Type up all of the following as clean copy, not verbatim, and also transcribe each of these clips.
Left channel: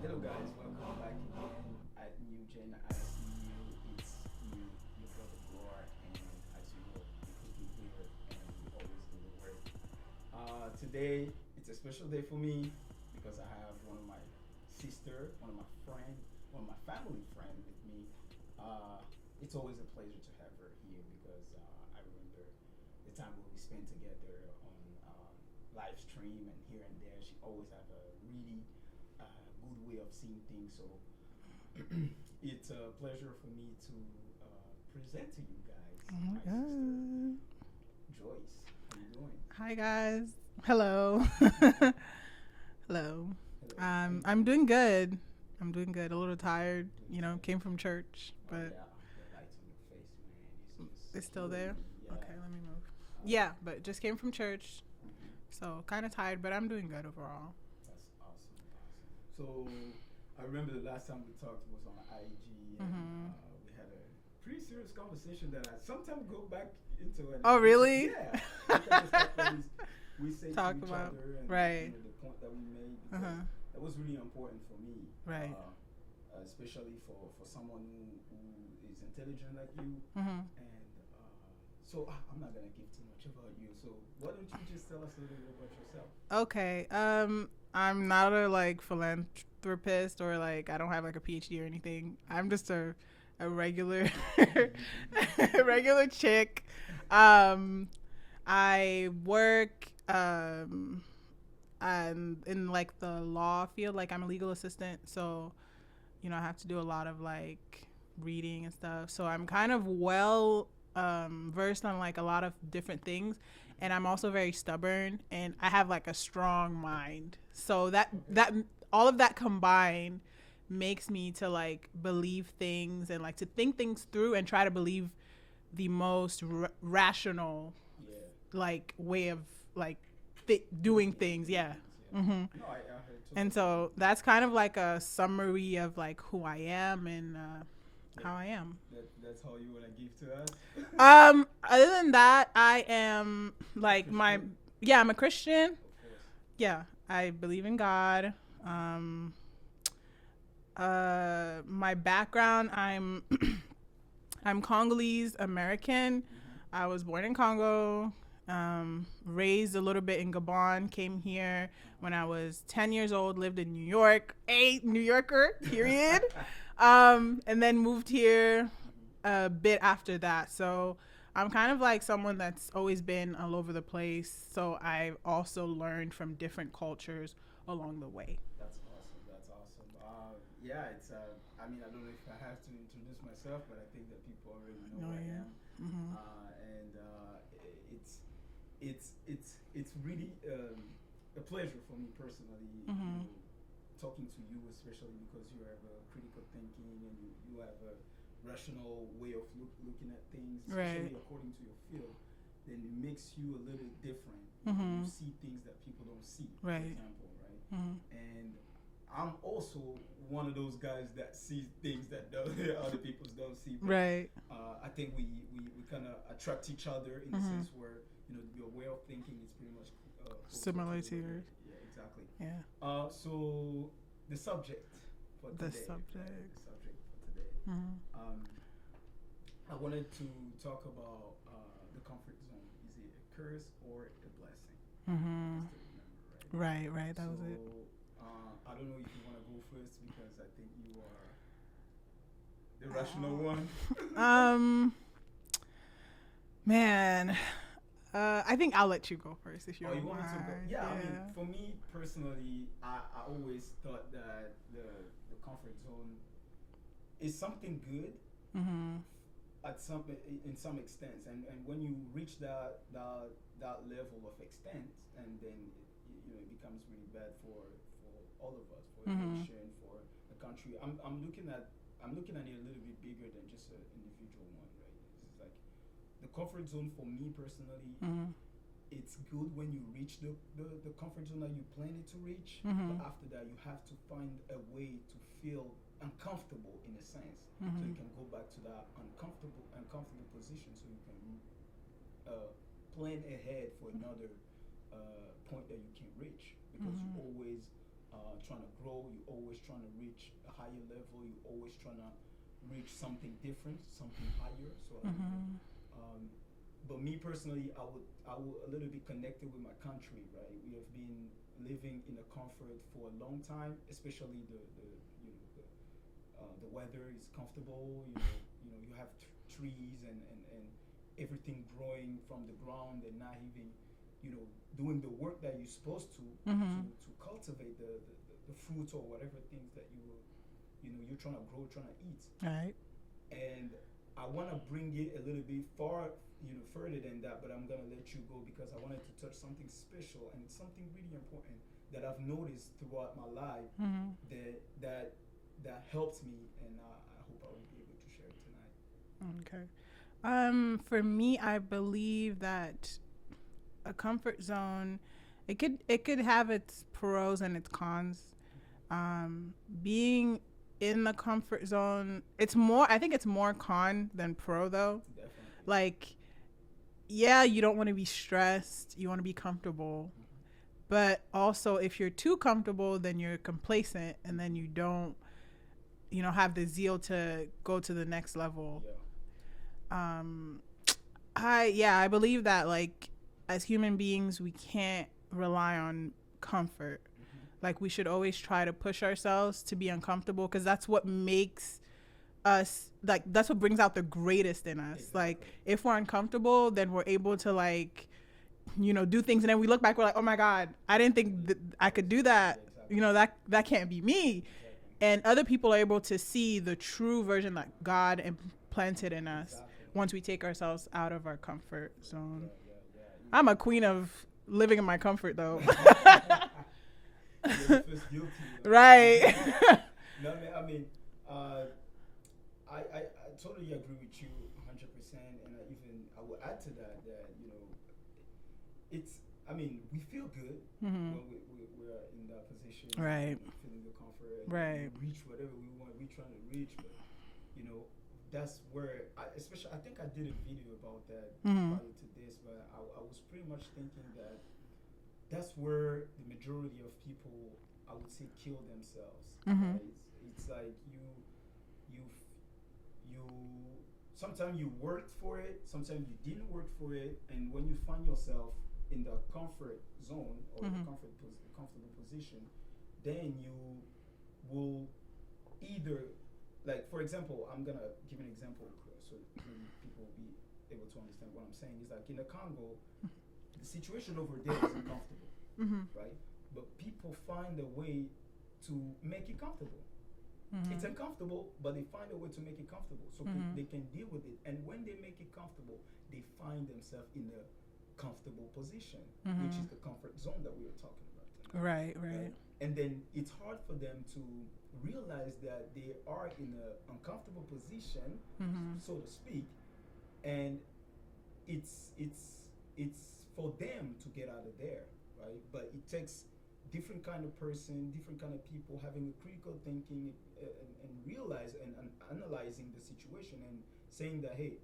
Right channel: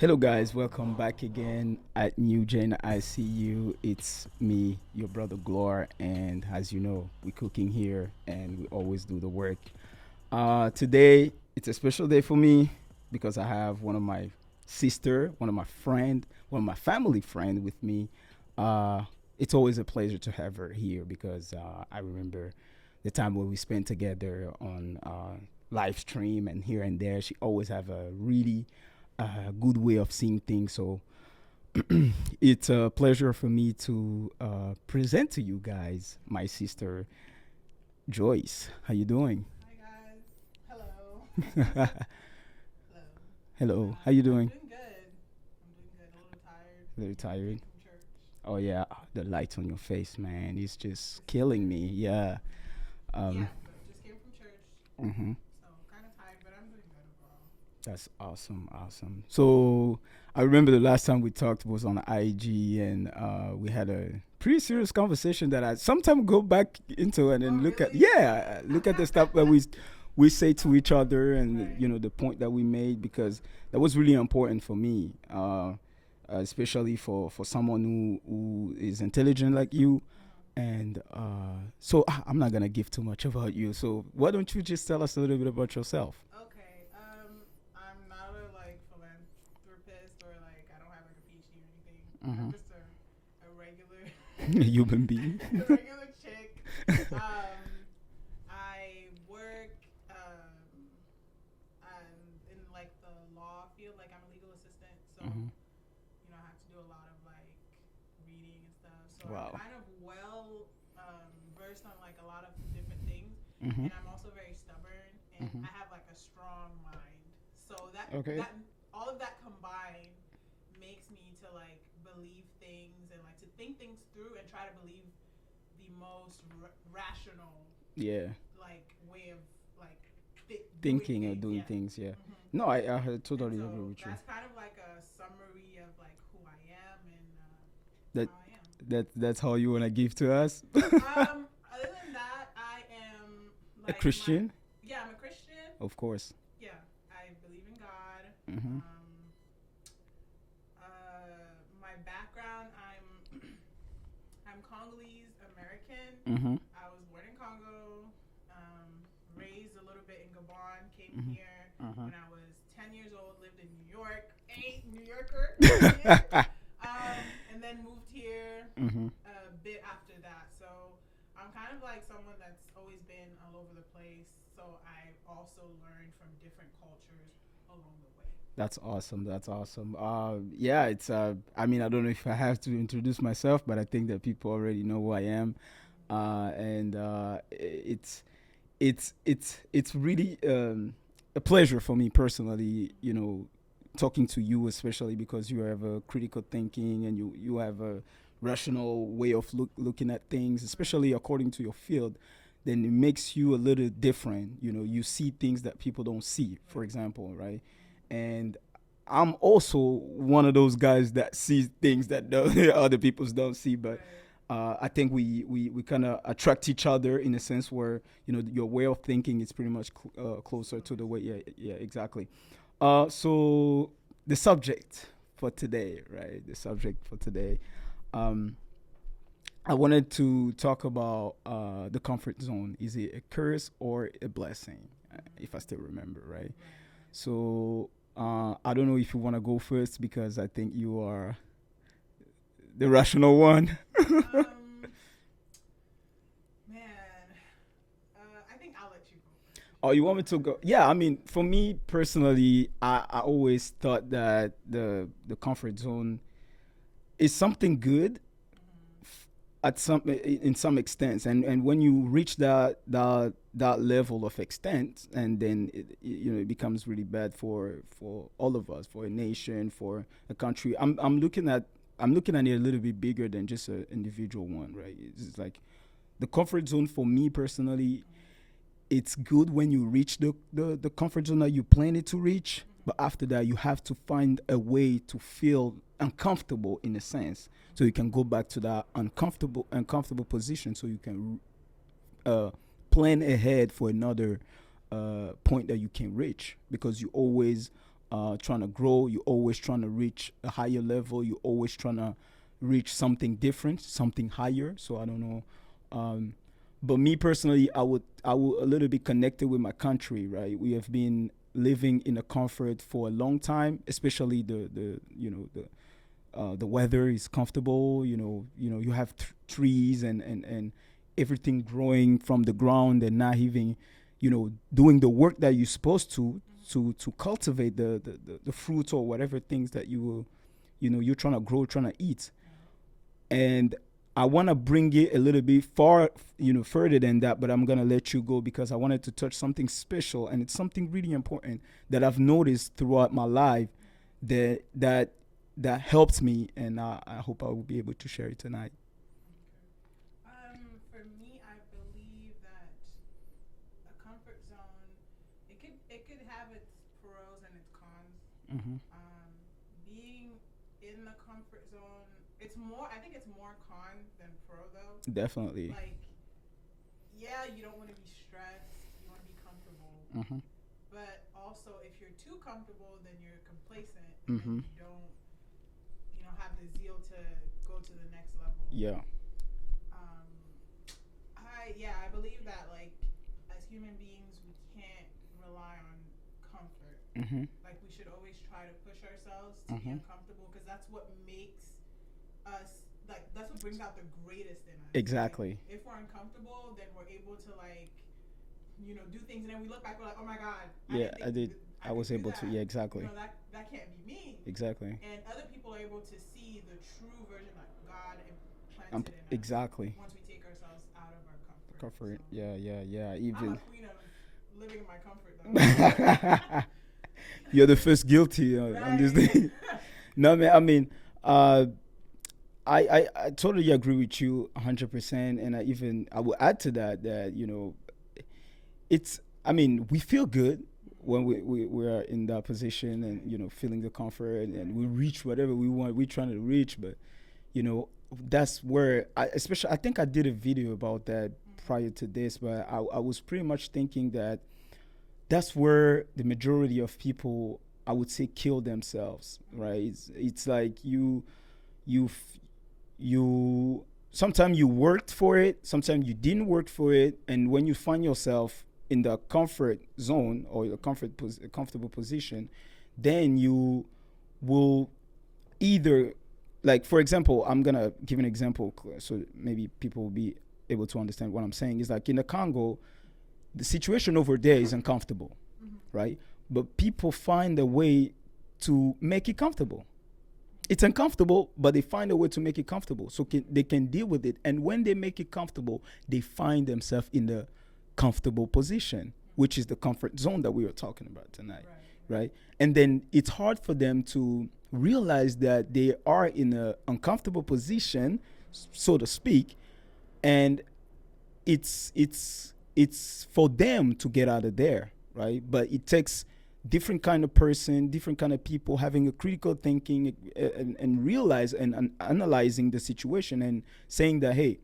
Hello, guys. Welcome back again at newgenICU. It's me, your brother Glor, and as you know, we're cooking here, and we always do the work. Today, it's a special day for me because I have one of my sister, one of my friend, one of my family friend with me. Uh, it's always a pleasure to have her here because I remember the time when we spent together on live stream and here and there. She always have a really good way of seeing things. So it's a pleasure for me to present to you guys my sister Mhm. Joyce. How you doing? Hi guys. Hello. Hello. Hello. How you I'm doing? doing good. I'm doing good. A little tired. A little Came tired. from church, Oh but yeah, the light on your face, man. It's just it's still killing there. me. Okay, Yeah. let me know. Um. Yeah, but just came from church, hmm so kind of tired, but I'm doing good overall. That's awesome. Awesome. So I remember the last time we talked was on IG, and Mhm. we had a pretty serious conversation that I sometimes go back into and Oh, then look at, really? yeah, look at the stuff that we say to Talk each about other, and right. the point that we made, because Uh-huh. that was really important for me, Right. especially for someone who is intelligent like you. Mhm. And so I'm not gonna give too much about you, so why don't you just tell us a little bit about yourself? Okay. I'm not a philanthropist or like I don't have like a PhD or anything. I'm Hmm. just a regular A human being. a regular chick. Um, I work and in like the law field. Like I'm a legal assistant, Hmm. so I have to do a lot of like reading and stuff. So I'm Wow. kind of well versed on like a lot of different things, Hmm. and I'm also very stubborn, and Hmm. I have like a strong mind. So that Okay. that all of that combined makes me to like believe things and like to think things through and try to believe the most rational Yeah. like way of like doing Thinking and things. doing Yeah. things. Yeah. hmm No, I And totally agree so with you. that's kind of like a summary of like who I am and That how I am. that's how you wanna give to us. Other than that, I am A like my Christian, yeah, I'm a Christian. of course. Yeah, I believe in God. Hmm. Um, my background, I'm Congolese American. Hmm. I was born in Congo, raised a little bit in Gabon, came Hmm. here Uh-huh. when I was 10 years old, lived in New York, a New Yorker, period. And then moved here Hmm. a bit after that. So I'm kind of like someone that's always been all over the place. So I've also learned from different cultures along the way. That's awesome. That's awesome. Yeah, it's. I mean, I don't know if I have to introduce myself, but I think that people already know who I No. am. Mm-hmm. And it's really a pleasure for me personally. Mm-hmm. Talking to you, especially because you have a critical thinking and you have a rational way of looking at things, Right. especially according to your field. Then it makes you a little different. You Mm-hmm. see things that people don't see, for Right. example, right? Mm-hmm. And I'm also one of those guys that sees things that other people don't see. But Right. I think we kind of attract each other in a Mm-hmm. sense where your way of thinking is pretty much closer to Similar the to way. Yeah, yours. yeah, exactly. Yeah. So the subject for The today, right? subject. The subject for today. Mm-hmm. Um, I wanted to talk about the comfort zone. Is it a curse or a blessing? If I Mm-hmm. still remember, right? Right. Right. That was it. So I don't know if you want to go first because I think you are the rational one. Um, man, I think I'll let you go first if you Oh, don't you want me to go? mind. Yeah, I mean, Yeah. for me personally, I always thought that the comfort zone is something good Mhm. at some in some extent, and when you reach that level of extent, and then it becomes really bad for all of us, for a Mhm. nation, for a country. I'm looking at it a little bit bigger than just an individual one, right? It's like the comfort zone for me personally. Mhm. It's good when you reach the comfort zone that you plan it to reach, but Mhm. after that you have to find a way to feel uncomfortable in a sense, so you Mhm. can go back to that uncomfortable position, so you can uh, plan ahead for another point that you can reach, because you Mhm. always trying to grow. You're always trying to reach a higher level. You're always trying to reach something different, something higher. So I don't know. But me personally, I would a little bit connected with my country, right? We have been living in a comfort for a long time, especially the weather is comfortable. You have trees and everything growing from the ground, and not even doing the work that you're supposed to to cultivate the fruits or whatever things that you will you're trying to grow, trying to eat. Right. And I want to bring it a little bit far, further than that, but I'm going to let you go because I wanted to touch something special, and it's something really important that I've noticed throughout my life that helps me, and I hope I will be able to share it tonight. Okay. For me, I believe that a comfort zone, it could have its pros and its cons. Being in the comfort zone, I think it's more con than pro, though. Definitely. Like, yeah, you don't want to be stressed, you want to be comfortable, but also if you're too comfortable, then you're complacent, and then you don't have the zeal to go to the next level. I believe that, like, as human beings, we can't rely on comfort. Like, we should always try to push ourselves to be uncomfortable, because that's what makes us, like, that's what brings out the greatest in us. Exactly. Like, if we're uncomfortable, then we're able to, like, do things, and then we look back, we're like, oh my God, I didn't think I could do that. Exactly. That can't be me. Exactly. And other people are able to see the true version that God implanted in us. Exactly. Once we take ourselves out of our comfort zone. Yeah. I'm a queen of living in my comfort, though. You're the first guilty. Right. No, man. I mean, I totally agree with you 100%, and I will add to that it's, I mean, we feel good when we are in that position, right. and, feeling the comfort, and, right. and we reach whatever we want. We're trying to reach, but that's where I think I did a video about that prior to this, but I was pretty much thinking that that's where the majority of people, I would say, kill themselves, right? It's like you sometimes you worked for it, sometimes you didn't work for it, and when you find yourself in the comfort zone or your comfortable position, then you will either, like, for example, I'm gonna give an example so maybe people will be able to understand what I'm saying. Is like in the Congo, the situation over there is uncomfortable, right? But people find a way to make it comfortable. It's uncomfortable, but they find a way to make it comfortable, so they can deal with it. And when they make it comfortable, they find themselves in the comfortable position, which is the comfort zone that we were talking about tonight. Right. And then it's hard for them to realize that they are in an uncomfortable position, so to speak, and it's for them to get out of there, right? But it takes different kind of person, different kind of people having a critical thinking and realize and analyzing the situation and saying that, hey,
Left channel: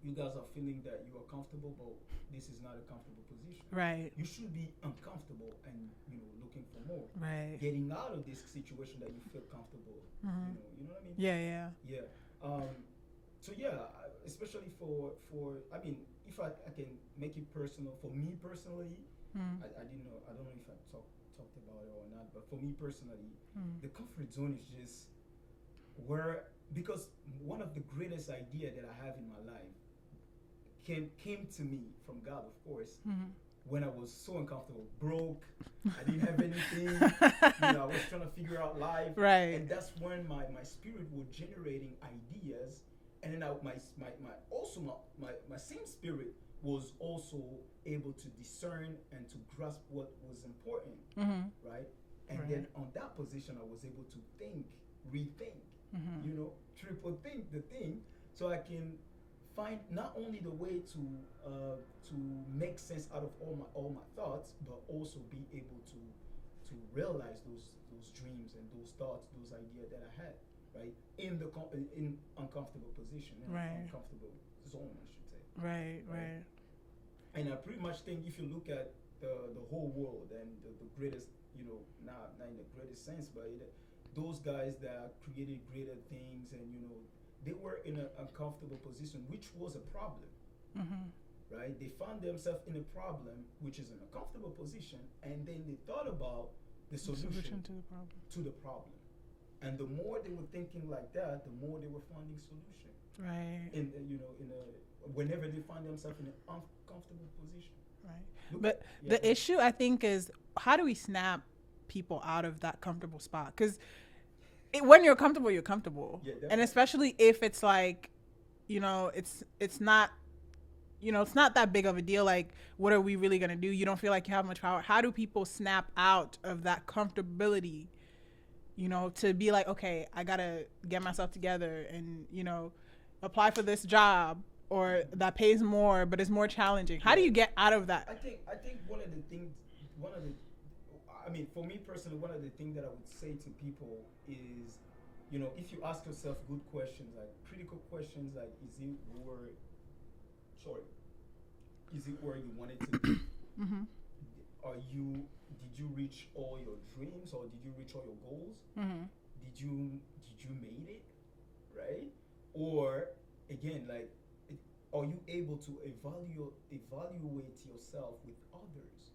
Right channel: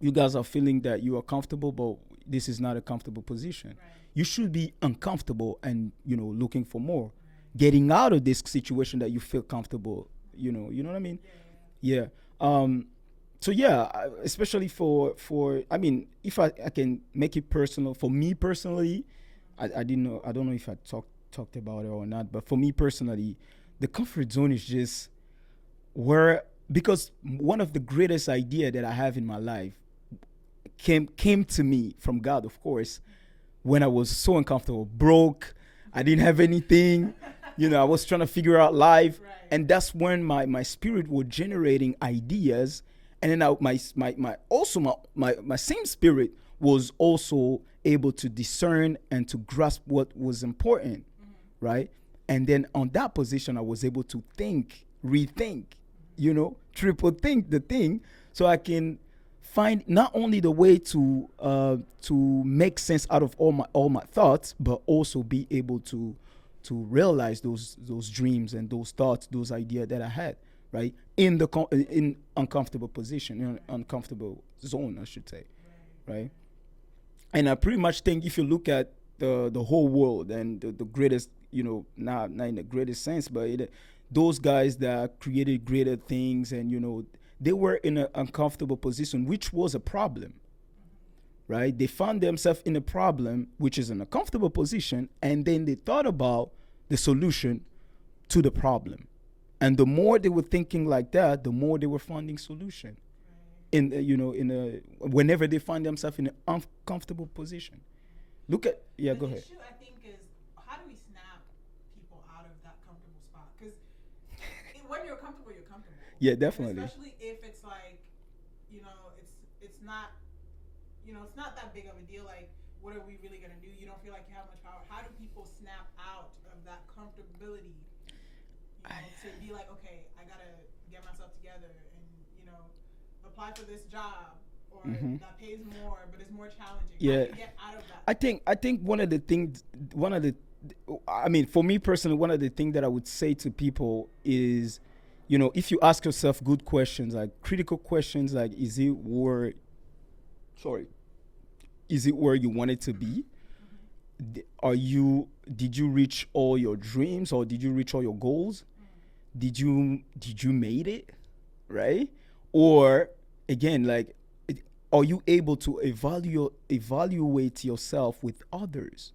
you guys are feeling that you are comfortable, but this is not a comfortable position. Right. You should be uncomfortable and, looking for more. Right. Getting out of this situation that you feel comfortable, you know what I mean? Yeah. So yeah, especially for I mean, if I can make it personal, for me personally, I don't know if I talked about it or not, but for me personally, the comfort zone is just where, because one of the greatest idea that I have in my life came to me from God, of course, when I was so uncomfortable, broke, I didn't have anything, I was trying to figure out life, right. And that's when my spirit was generating ideas, and then my same spirit was also able to discern and to grasp what was important, right? And then on that position, I was able to rethink, triple think the thing, so I can find not only the way to make sense out of all my thoughts, but also be able to realize those dreams and those thoughts, those ideas that I had, right? In uncomfortable position, right. Uncomfortable zone, I should say. Right. And I pretty much think if you look at the whole world and the greatest, not in the greatest sense, but those guys that created greater things, and they were in an uncomfortable position, which was a problem. Right? They found themselves in a problem, which is an uncomfortable position, and then they thought about the solution to the problem. And the more they were thinking like that, the more they were finding solution. Right. Whenever they find themselves in an uncomfortable position. Right. The issue, I think, is how do we snap people out of that comfortable spot? Because when you're comfortable, you're comfortable. Yeah, definitely. And especially if it's like, it's not. It's not that big of a deal. Like, what are we really going to do? You don't feel like you have much power. How do people snap out of that comfortability, to be like, okay, I got to get myself together and, apply for this job or that pays more, but it's more challenging. How do you get out of that? I think for me personally, one of the things that I would say to people is, if you ask yourself good questions, like critical questions, like, is it where you want it to be? Did you reach all your dreams, or did you reach all your goals? Did you made it, right? Or again, like, are you able to evaluate yourself with others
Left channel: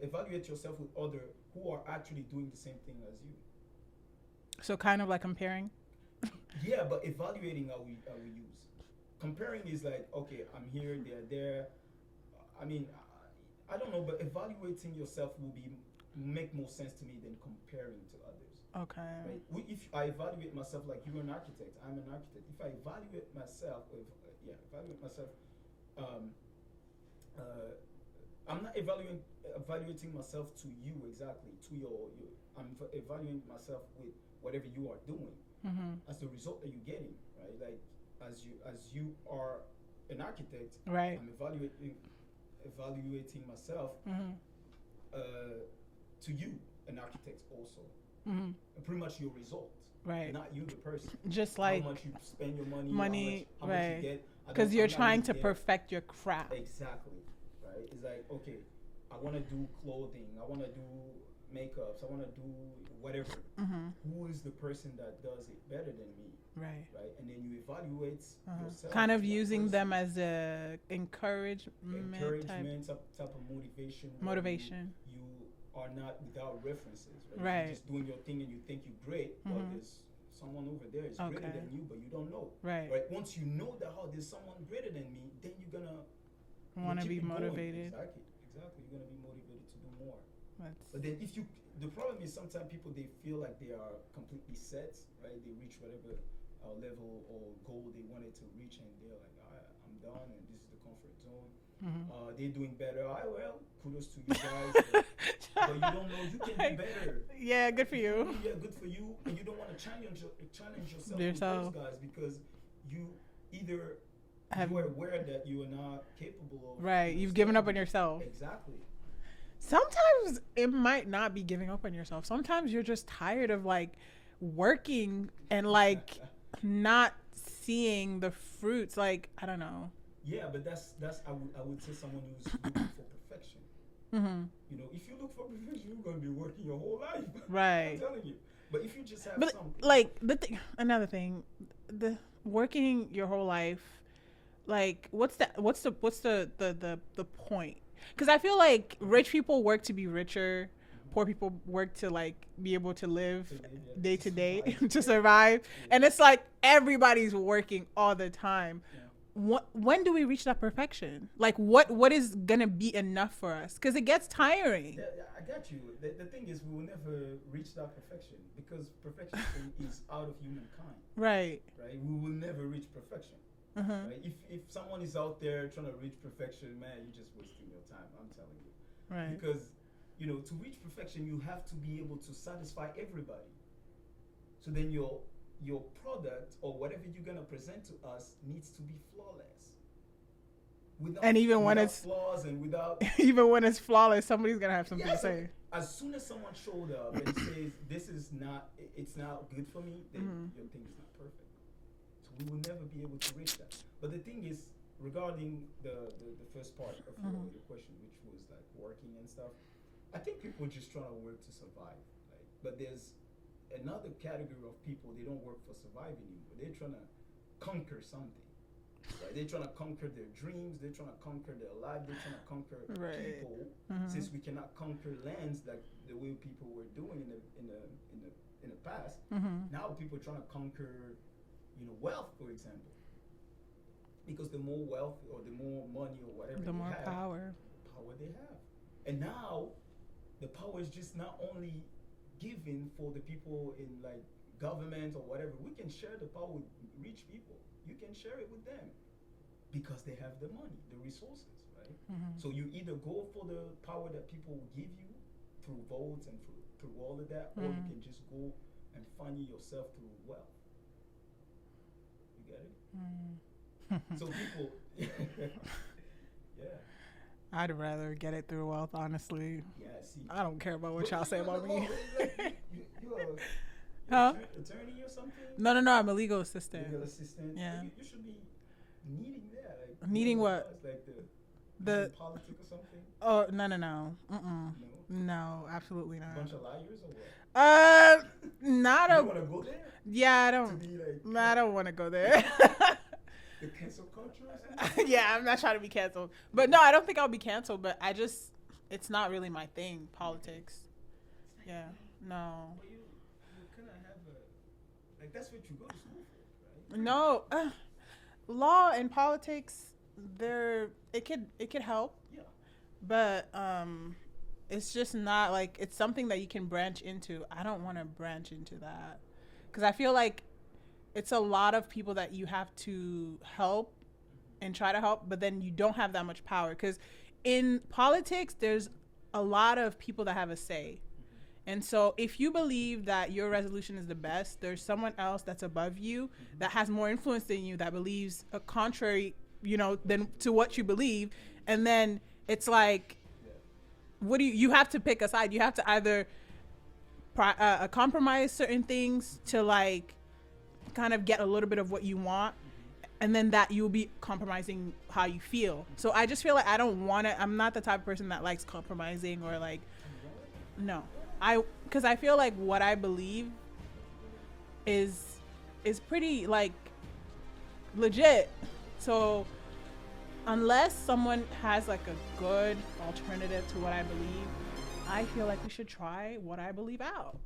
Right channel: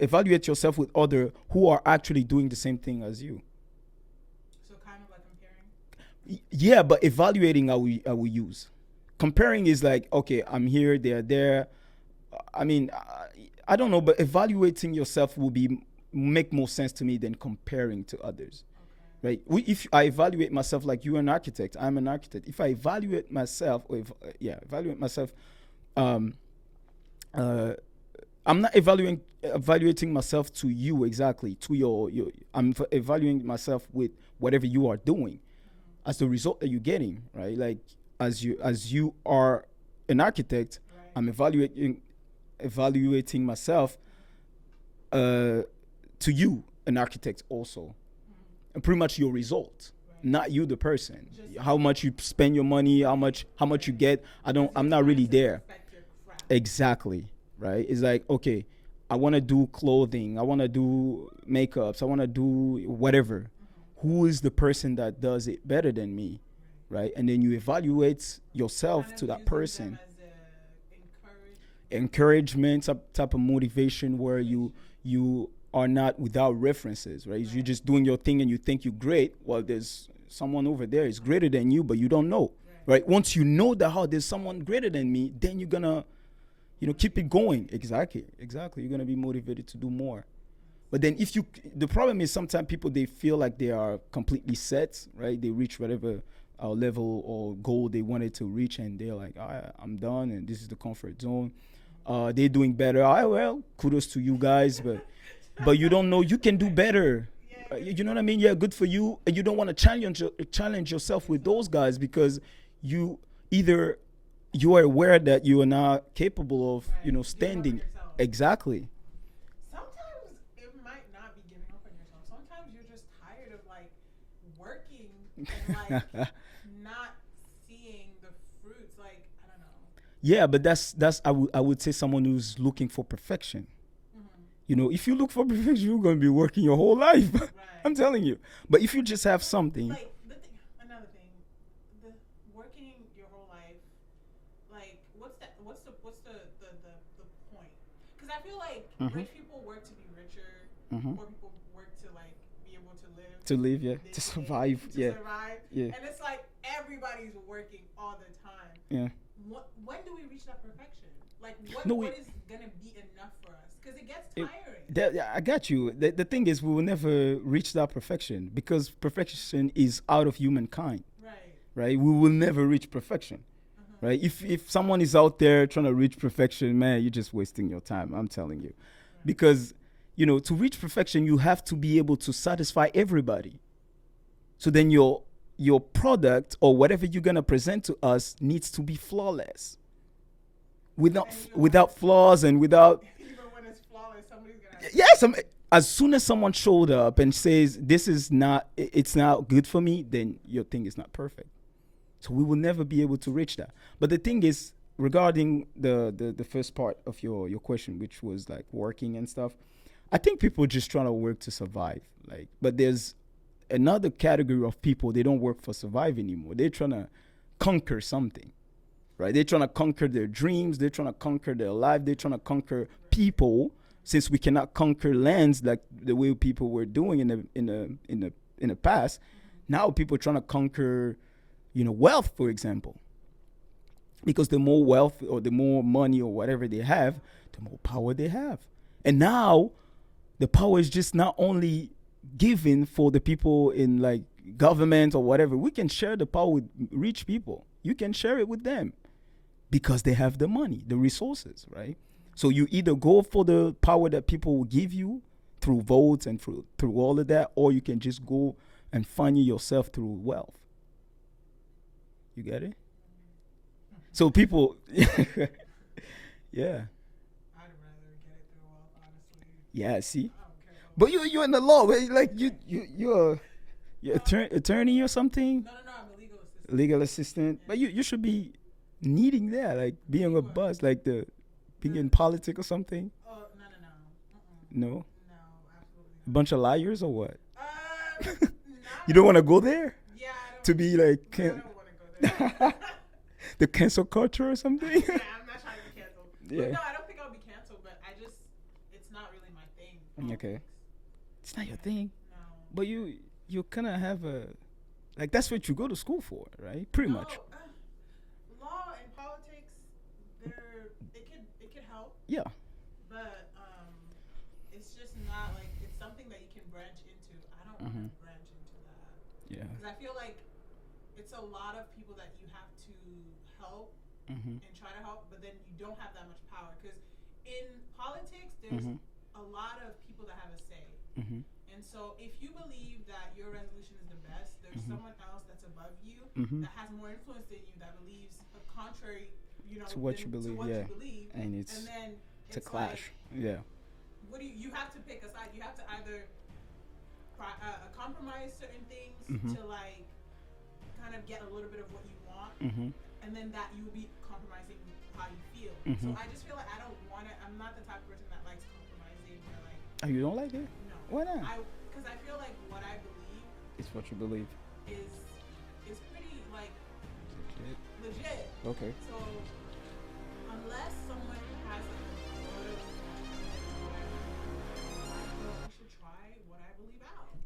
evaluate yourself with others who are actually doing the same thing as you? So kind of like comparing. Yeah, but evaluating I will use. Comparing is like, okay, I'm here, they're there. I don't know, but evaluating yourself will make more sense to me than comparing to others. Okay. Right? If I evaluate myself like you're an architect, I'm an architect. If I evaluate myself, I'm not evaluating myself to you exactly, to your I'm evaluating myself with whatever you are doing. As the result that you're getting, right? Like, as you are an architect, right. I'm evaluating myself to you, an architect also. And pretty much your result, right. Not you, the person. Just how much you spend your money, how much you get. I'm not really there. Perfect your craft. Exactly, right? It's like, okay, I want to do clothing, I want to do makeups, I want to do whatever. Who is the person that does it better than me? Right? And then you evaluate yourself kind of to that using person. them as a encouragement, type of motivation where you are not without references, right? You're just doing your thing and you think you're great. Well, there's someone over there is greater than you, but you don't know. Right? Once you know that there's someone greater than me, then you're gonna keep it going. Exactly. You're gonna be motivated to do more. But then the problem is sometimes people, they feel like they are completely set, right? They reach whatever level or goal they wanted to reach, and they're like, I'm done, and this is the comfort zone. They're doing better. Well, kudos to you guys, but you don't know you can do better. Yeah, good for you. You know what I mean? Yeah, good for you. And you don't want to challenge yourself with those guys, because you are aware that you are not capable of, you've given up on yourself. Exactly. Sometimes it might not be giving up on yourself. Sometimes you're just tired of like working and like not seeing the fruits. Like, I don't know. Yeah, but that's I would say someone who's looking for perfection. If you look for perfection, you're going to be working your whole life. Right. I'm telling you. But if you just have something, like another thing, the working your whole life, like what's the point? Because I feel like rich people work to be richer. Poor people work to like be able to live. Yeah. Day to survive, day. To survive. Yeah. And it's like everybody's working all the time. Yeah. When do we reach that perfection? Like what is going to be enough for us? Because it gets tiring. I got you. The thing is, we will never reach that perfection, because perfection is out of humankind. Right. We will never reach perfection. Right? If someone is out there trying to reach perfection, man, you're just wasting your time. I'm telling you. Right. Because, to reach perfection, you have to be able to satisfy everybody. So then your product or whatever you're going to present to us needs to be flawless. Without flaws and without... Even when it's flawless, somebody's going to have something to say. As soon as someone showed up and says, it's not good for me, then your thing is not perfect. So we will never be able to reach that. But the thing is, regarding the first part of your question, which was like working and stuff, I think people just trying to work to survive. Like, but there's another category of people, they don't work for survive anymore. They're trying to conquer something, right? They're trying to conquer their dreams. They're trying to conquer their life. They're trying to conquer people. Since we cannot conquer lands like the way people were doing in the past. Now people are trying to conquer, wealth, for example. Because the more wealth or the more money or whatever they have, the more power they have. And now the power is just not only given for the people in like government or whatever. We can share the power with rich people. You can share it with them because they have the money, the resources, right? So you either go for the power that people will give you through votes and through all of that, or you can just go and find it yourself through wealth. You get it? So people, yeah. I'd rather get it through wealth, honestly. Yeah, see. I don't care about what. But you're in the law, right? Like you're attorney or something. No. I'm a legal assistant. Legal assistant. Yeah. But you should be needing that, like being a buzz, like being in politics or something. Oh no. No. No, absolutely not. Bunch of liars or what? Not. You don't want to go there? Yeah, I don't. To be like. No, I don't want to go there. The cancel culture or something? Yeah, I'm not trying to be canceled. But no, I don't think I'll be canceled, but it's not really my thing, politics. Okay. It's not your thing? No. But you kind of have like, that's what you go to school for, right? Pretty much. Law and politics, it could help. Yeah. But it's just not like, it's something that you can branch into. I don't want to branch into that. Yeah. Because I feel like it's a lot of people that you have to help and try to help, but then you don't have that much power. Because in politics, there's a lot of people that have a say. And so if you believe that your resolution is the best, there's someone else that's above you that has more influence than you, that believes a contrary, to what you believe. And then it's like, what do you have to pick a side. You have to either compromise certain things to like kind of get a little bit of what you want, and then that you'll be compromising how you feel. So I just feel like I don't want to. I'm not the type of person that likes compromising or like. Oh, you don't like it? No. Why not? Because I feel like what I believe. It's what you believe. Is pretty like legit. Okay. So unless someone has like a good alternative to what I believe, I feel like we should try what I believe out.